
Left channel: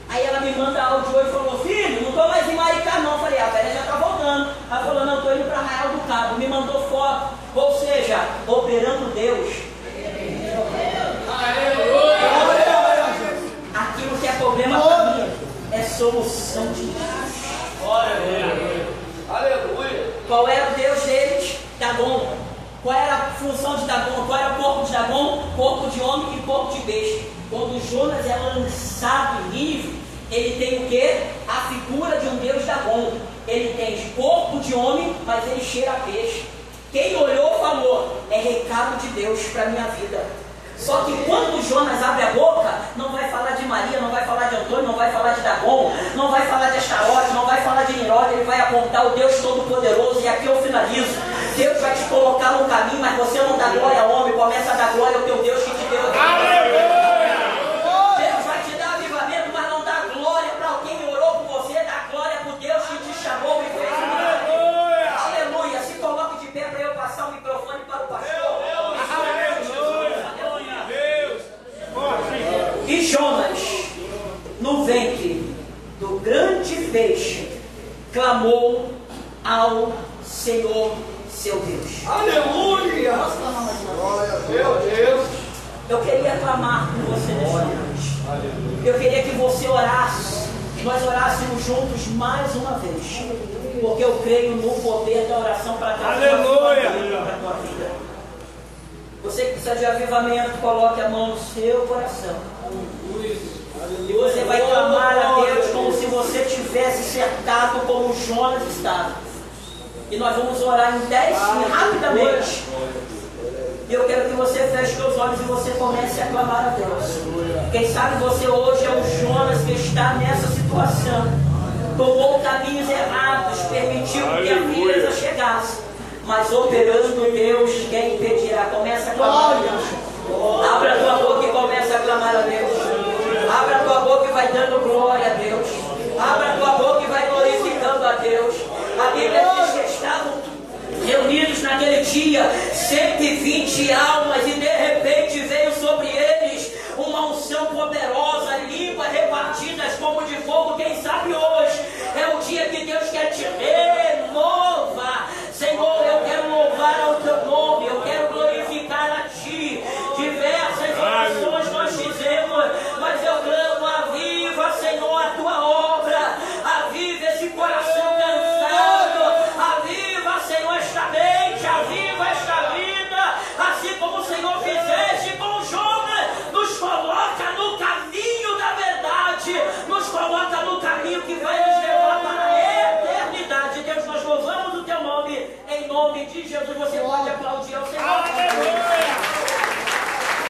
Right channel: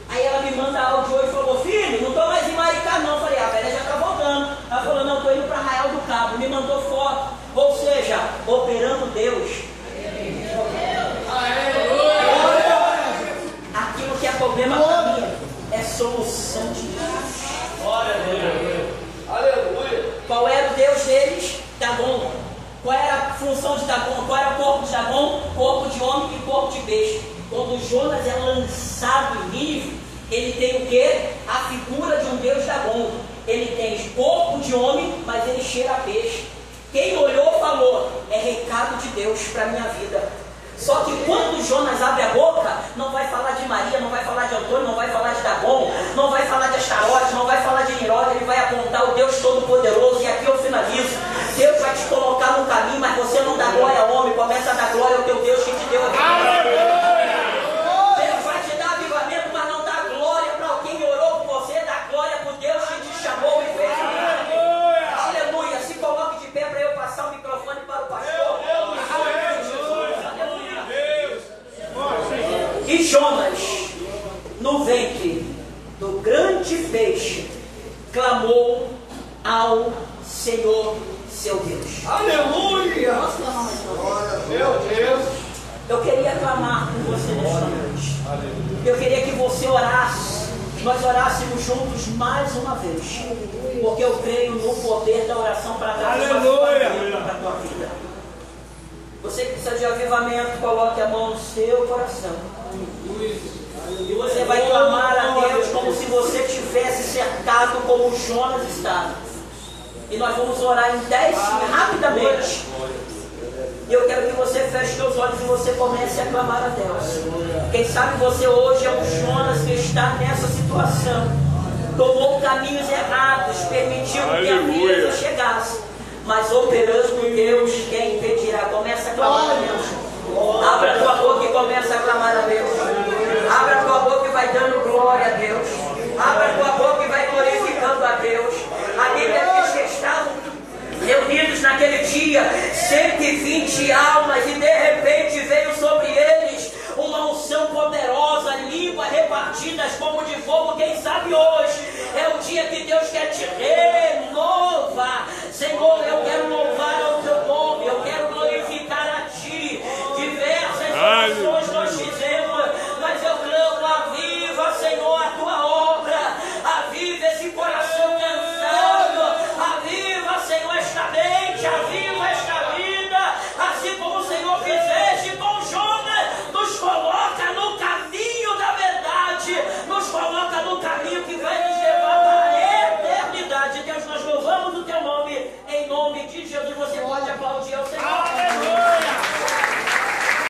Aí ela me manda áudio hoje e falou, filho, não estou mais em Maricá não. Eu falei, a velha já está voltando. Ela falou, não, estou indo para Arraial do Cabo. Me mandou foto. Ou seja, operando Deus. Aquilo que é problema para mim é solução de Deus. Aleluia. Qual era o Deus deles? Dagon. Qual era a função de Dagon? Qual era o corpo de Dagon? Corpo de homem e corpo de peixe. Quando Jonas é lançado em Nínive, ele tem o quê? A figura de um Deus Dagon. Ele tem corpo de homem, mas ele cheira a peixe. Quem olhou falou, é recado de Deus para a minha vida. Só que quando Jonas abre a boca, não vai falar de Maria, não vai falar de Antônio, não vai falar de Dagon, não vai falar de Astarote, não vai falar de Nirod, ele vai apontar o Deus Todo-Poderoso. E aqui eu finalizo. Deus vai te colocar no caminho, mas você não dá glória ao homem, começa a dar glória ao teu Deus que te deu aqui. Deus vai te dar avivamento, mas não dá glória para quem orou por você, dá glória para o Deus que te chamou e fez. Aleluia. Se coloque de pé para eu passar o microfone para o pastor. E Jonas, no ventre do grande peixe, clamou ao Senhor, seu Deus. Aleluia. Posso clamar mais uma vez? Meu Deus. Eu queria clamar com você nesta noite. Eu queria que você orasse, nós orássemos juntos mais uma vez, porque eu creio no poder da oração para trazer avivamento para a tua vida. Você que precisa de avivamento, coloque a mão no seu coração. E você vai clamar a Deus como se você tivesse cercado como Jonas estava. E nós vamos orar em 10 rapidamente. E eu quero que você feche seus olhos e você comece a clamar a Deus. Quem sabe você hoje é um Jonas que está nessa situação. Tomou caminhos errados, permitiu que a beleza chegasse. Mas operando Deus, quem impedirá? Começa a clamar a Deus. Abra a tua boca e começa a clamar a Deus. Abra a tua boca e vai dando glória a Deus. Abra a tua boca e vai glorificando a Deus. A Bíblia diz que estavam reunidos naquele dia 120 almas e de repente veio sobre eles uma unção poderosa, línguas repartidas como de fogo. Quem sabe hoje é o dia que Deus quer te renovar. Senhor, eu quero louvar ao teu nome, eu quero glorificar a ti. Diversas orações nós fizemos, mas eu clamo, aviva, Senhor, a tua obra, aviva esse coração cansado, aviva, Senhor, esta mente, aviva esta vida, assim como o Senhor fizeste com Jonas, nos coloca no caminho da verdade, nos coloca no caminho que vai